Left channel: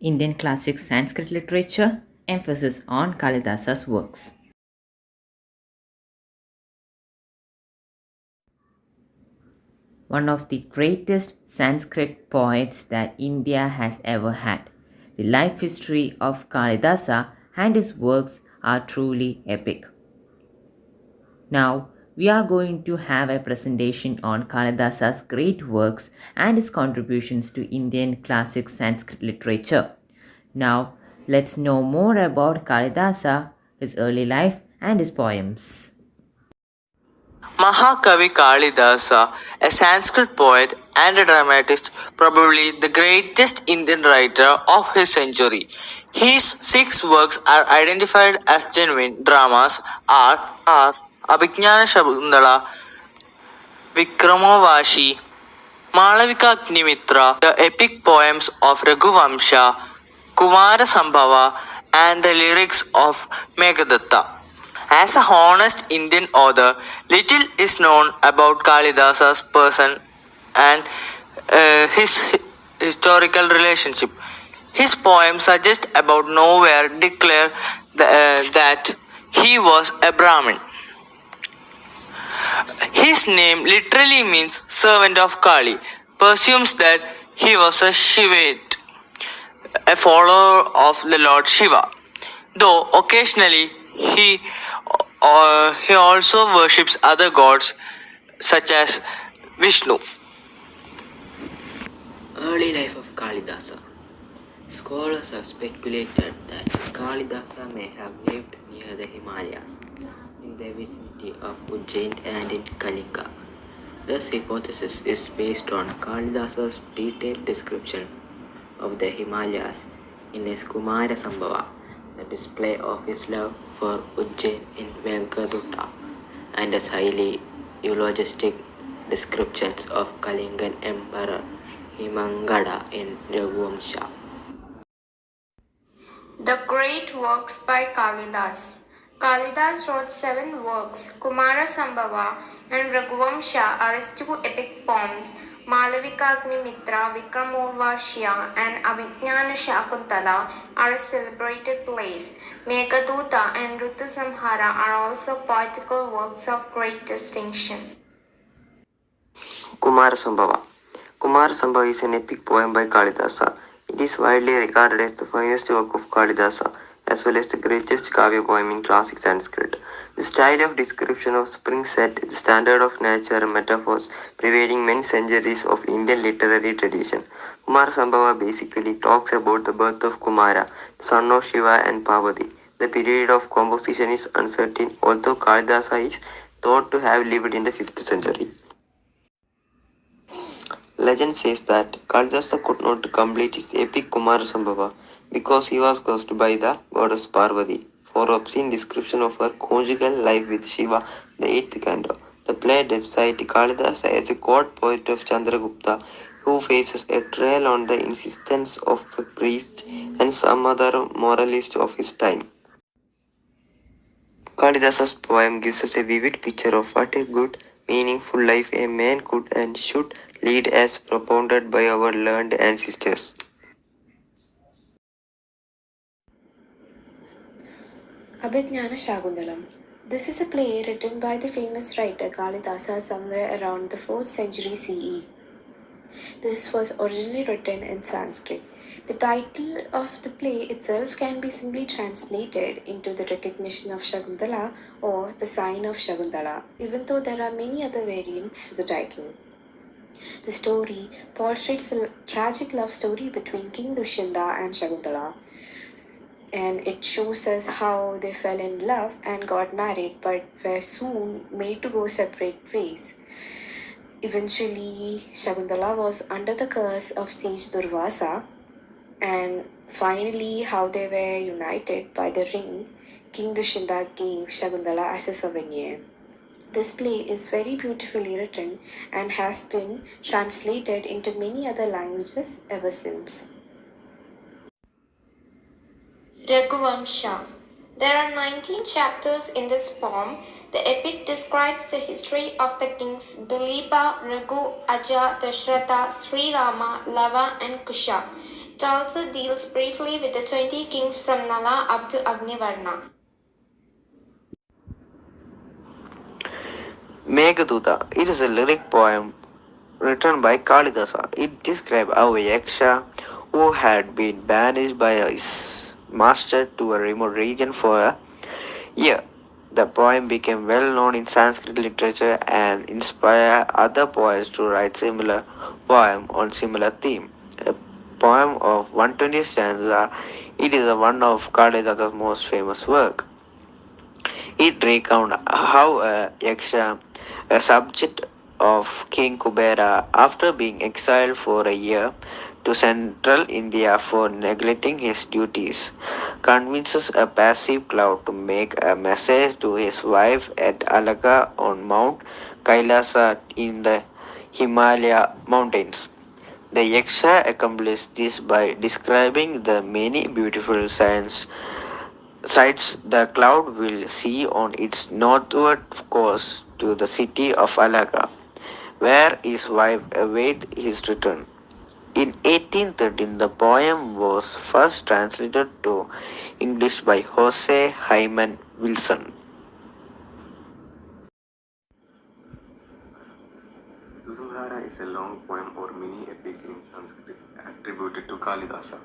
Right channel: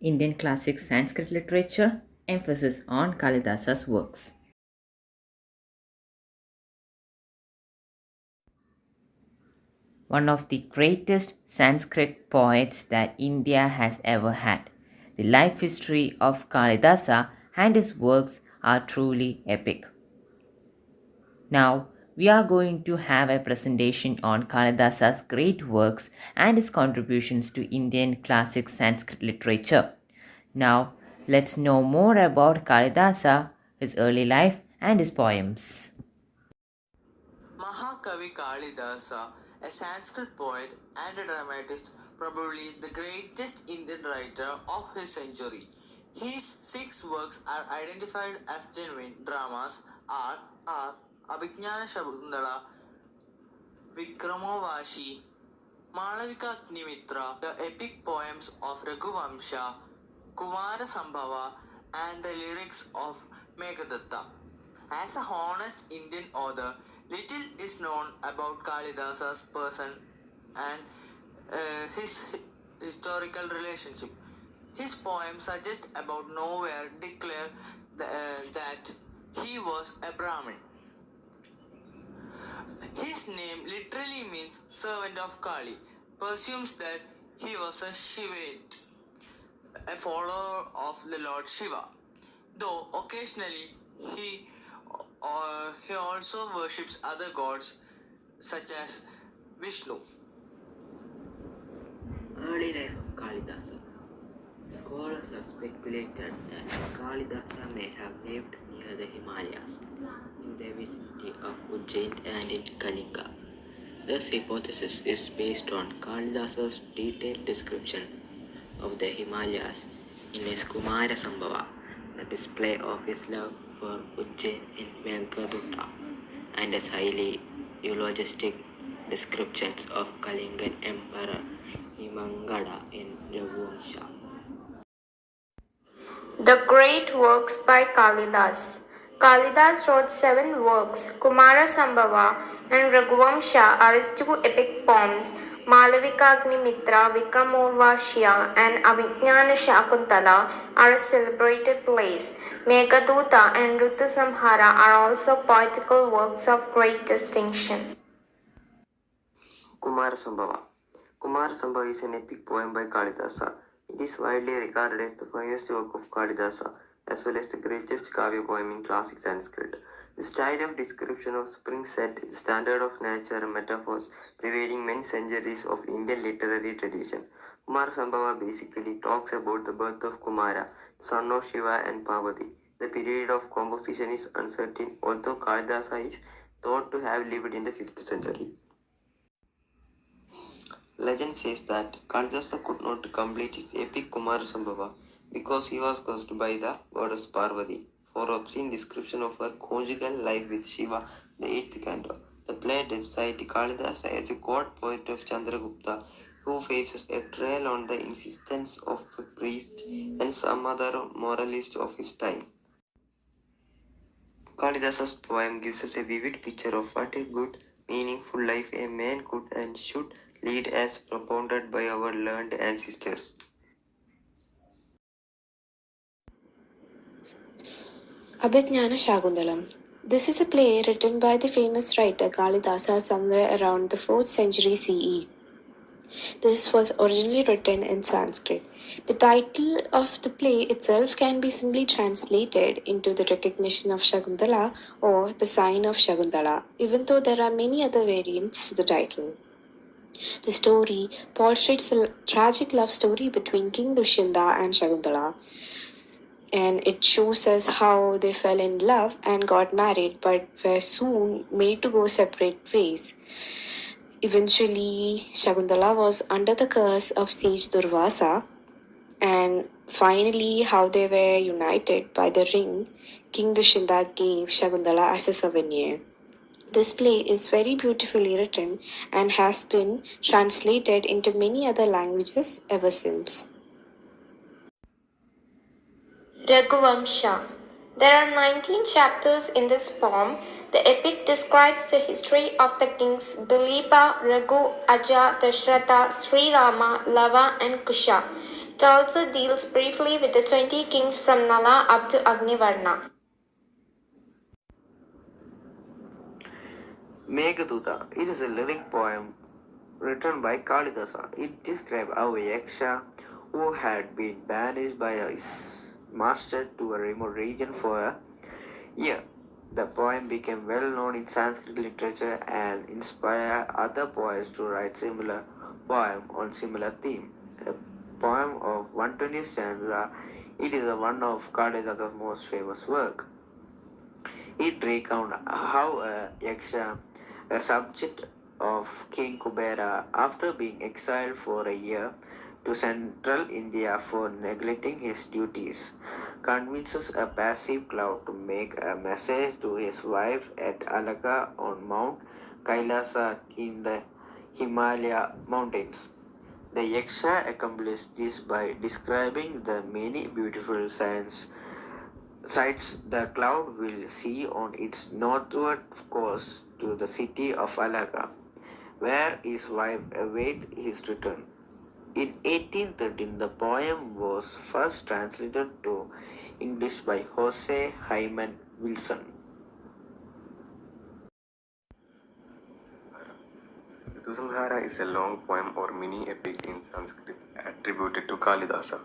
Indian classic Sanskrit literature, emphasis on Kalidasas' works. One of the greatest Sanskrit poets that India has ever had. The life history of Kalidasa and his works are truly epic. Now, we are going to have a presentation on Kalidasa's great works and his contributions to Indian classic Sanskrit literature. Now, let's know more about Kalidasa, his early life, and his poems. Mahakavi Kalidasa, a Sanskrit poet and a dramatist, probably the greatest Indian writer of his century. His six works are identified as genuine dramas are Abhignana Shakuntala, Vikramavashi, Malavika Agnimitra, the epic poems of Raghuvamsha, Kumara Sambhava, and the lyrics of Meghadatta. As a honest Indian author, little is known about Kalidasa's person and his historical relationship. His poems suggest about nowhere declare that he was a Brahmin. His name literally means servant of Kali, presumes that he was a Shivite, a follower of the Lord Shiva, though occasionally he also worships other gods such as Vishnu. Early life of Kalidasa. Scholars have speculated that Kalidasa may have lived near the Himalayas, in the vicinity of Ujjain and in Kalinga. This hypothesis is based on Kalidasa's detailed description of the Himalayas in his Kumara Sambhava, the display of his love for Ujjain in Meghadutta, and his highly eulogistic descriptions of Kalingan Emperor Himangada in Raghuvamsha. The Great Works by Kalidas. Kalidas wrote 7 works. Kumara Sambhava and Raghuvamsha are his 2 epic poems. Malavika Agnimitra, Vikramorvashya and Abhignana Shakuntala are his celebrated plays. Meghaduta and Ritusamhara are also poetical works of great distinction. Kumara Sambhava. Kumara Sambhava is an epic poem by Kalidasa. It is widely regarded as the finest work of Kalidasa, as well as the greatest Kavya poem in classic Sanskrit. The style of description of spring set the standard of nature and metaphors pervading many centuries of Indian literary tradition. Kumara Sambhava basically talks about the birth of Kumara, the son of Shiva and Parvati. The period of composition is uncertain, although Kalidasa is thought to have lived in the 5th century. Legend says that Kalidasa could not complete his epic Kumara Sambhava because he was cursed by the goddess Parvati for obscene description of her conjugal life with Shiva, the 8th canto. The play depicts Kalidasa as a court poet of Chandragupta who faces a trial on the insistence of a priest and some other moralist of his time. Kalidasa's poem gives us a vivid picture of what a good, meaningful life a man could and should lead as propounded by our learned ancestors. Abhignana Shakuntalam. This is a play written by the famous writer Kalidasa somewhere around the 4th century CE. This was originally written in Sanskrit. The title of the play itself can be simply translated into the recognition of Shakuntala or the sign of Shakuntala, even though there are many other variants to the title. The story portrays a tragic love story between King Dushyanta and Shakuntala, and it shows us how they fell in love and got married but were soon made to go separate ways. Eventually, Shakuntala was under the curse of sage Durvasa, and finally, how they were united by the ring King Dushyanta gave Shakuntala as a souvenir. This play is very beautifully written and has been translated into many other languages ever since. Raghuvamsha. There are 19 chapters in this poem. The epic describes the history of the kings Dilipa, Raghu, Aja, Dashratha, Sri Rama, Lava, and Kusha. It also deals briefly with the 20 kings from Nala up to Agnivarna. Meghaduta. It is a lyric poem written by Kalidasa. It describes how a yaksha who had been banished by his master to a remote region for a year. The poem became well known in Sanskrit literature and inspired other poets to write similar poem on similar theme. A poem of 120 stanza, it is one of Kalidasa's most famous work. It recounts how a yaksha, a subject of King Kubera, after being exiled for a year to central India for neglecting his duties, convinces a passive cloud to make a message to his wife at Alaka on Mount Kailasa in the Himalaya mountains. The Yaksha accomplished this by describing the many beautiful sights the cloud will see on its northward course to the city of Alaka, where his wife awaited his return. In 1813, the poem was first translated to English by Jose Hyman Wilson. Tusumhara is a long poem or mini epic in Sanskrit attributed to Kalidasa.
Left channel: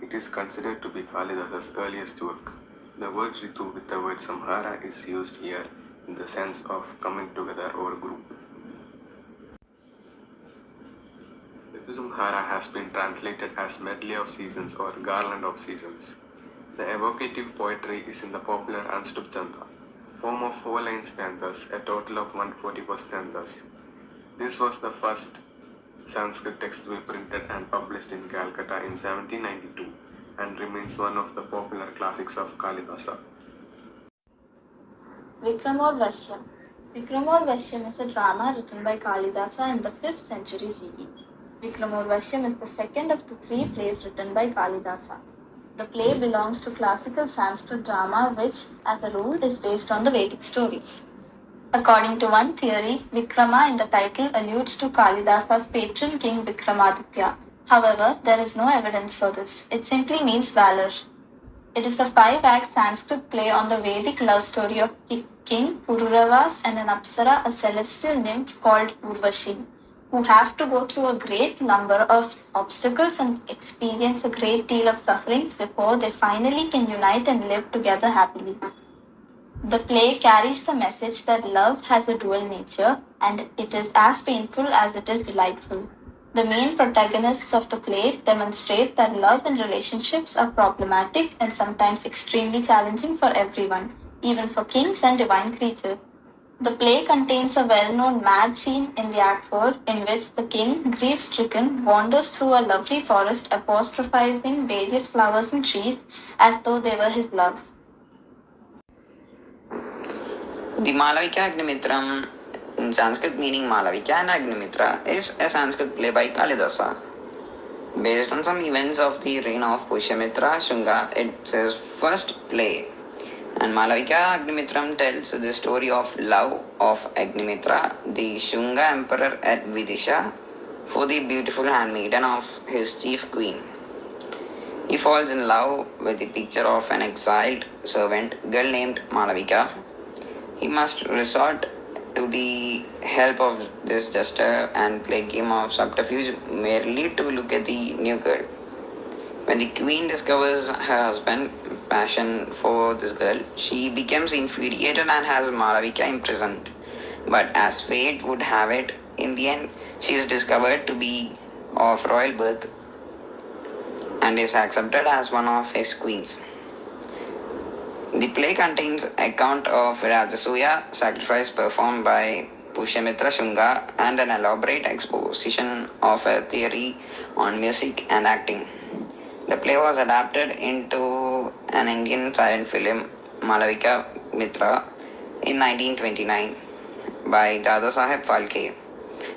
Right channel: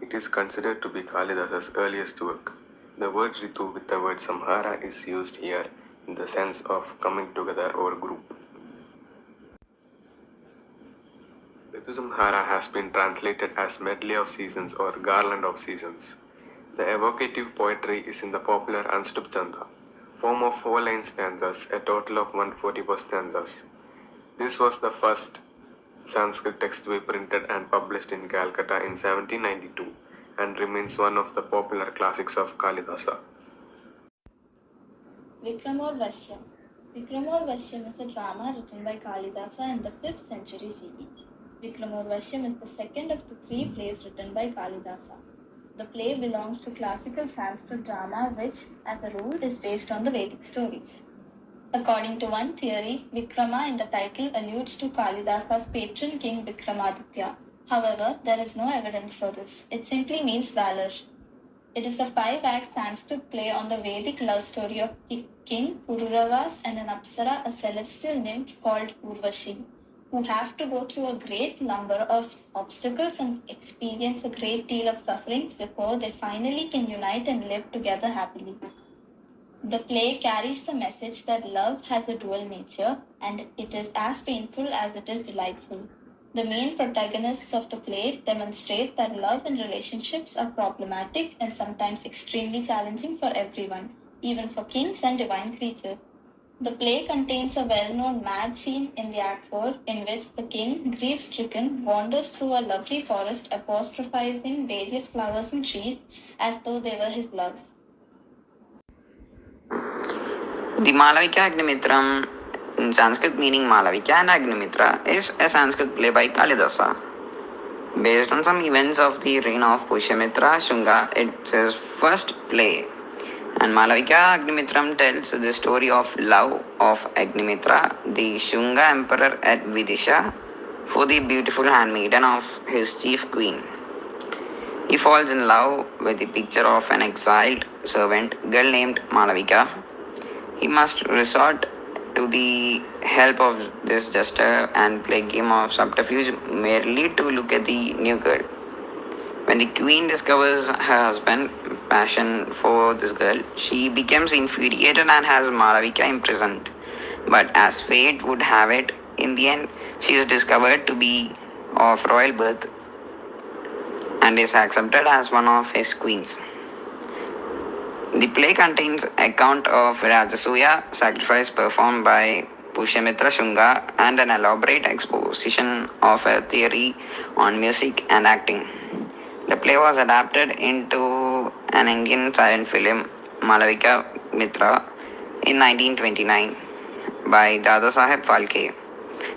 It is considered to be Kalidasa's earliest work. The word Ritu with the word Samhara is used here in the sense of coming together or group. Tusumhara has been translated as Medley of Seasons or Garland of Seasons. The evocative poetry is in the popular Anstup Chanda, form of 4-line stanzas, a total of 144 stanzas. This was the first Sanskrit text to be printed and published in Calcutta in 1792 and remains one of the popular classics of Kalidasa. Vikramorvashyam. Vikramorvashyam is a drama written by Kalidasa in the 5th century CE. Vikramorvashyam is the second of the 3 plays written by Kalidasa. The play belongs to classical Sanskrit drama which, as a rule, is based on the Vedic stories. According to one theory, Vikrama in the title alludes to Kalidasa's patron king Vikramaditya. However, there is no evidence for this. It simply means valor. It is a 5-act Sanskrit play on the Vedic love story of King Pururavas and an Apsara, a celestial nymph called Urvashi, who have to go through a great number of obstacles and experience a great deal of sufferings before they finally can unite and live together happily. The play carries the message that love has a dual nature and it is as painful as it is delightful. The main protagonists of the play demonstrate that love and relationships are problematic and sometimes extremely challenging for everyone, even for kings and divine creatures. The play contains a well-known mad scene in the Act 4 in which the king, grief-stricken, wanders through a lovely forest apostrophizing various flowers and trees as though they were his love. The Malavika Agnimitram, in Sanskrit meaning Malavika and Agnimitra, is a Sanskrit play by Kalidasa. Based on some events of the reign of Pushyamitra Shunga, it's his first play. And Malavika Agnimitram tells the story of love of Agnimitra, the Shunga emperor at Vidisha, for the beautiful handmaiden of his chief queen. He falls in love with the picture of an exiled servant girl named Malavika. He must resort to the help of this jester and play a game of subterfuge merely to look at the new girl. When the queen discovers her husband's passion for this girl, she becomes infuriated and has Malavika imprisoned. But as fate would have it, in the end, she is discovered to be of royal birth and is accepted as one of his queens. The play contains account of Rajasuya sacrifice performed by Pushyamitra Shunga and an elaborate exposition of a theory on music and acting. The play was adapted into an Indian silent film, Malavika Mitra, in 1929 by Dadasaheb Phalke.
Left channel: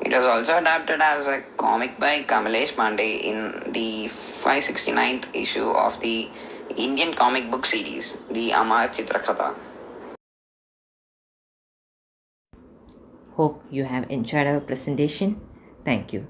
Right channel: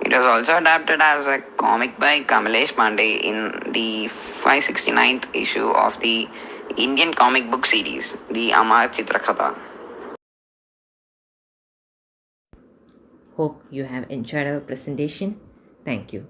It was also adapted as a comic by Kamalesh Pandey in the 569th issue of the Indian comic book series, the Amar Chitrakatha. Hope you have enjoyed our presentation. Thank you.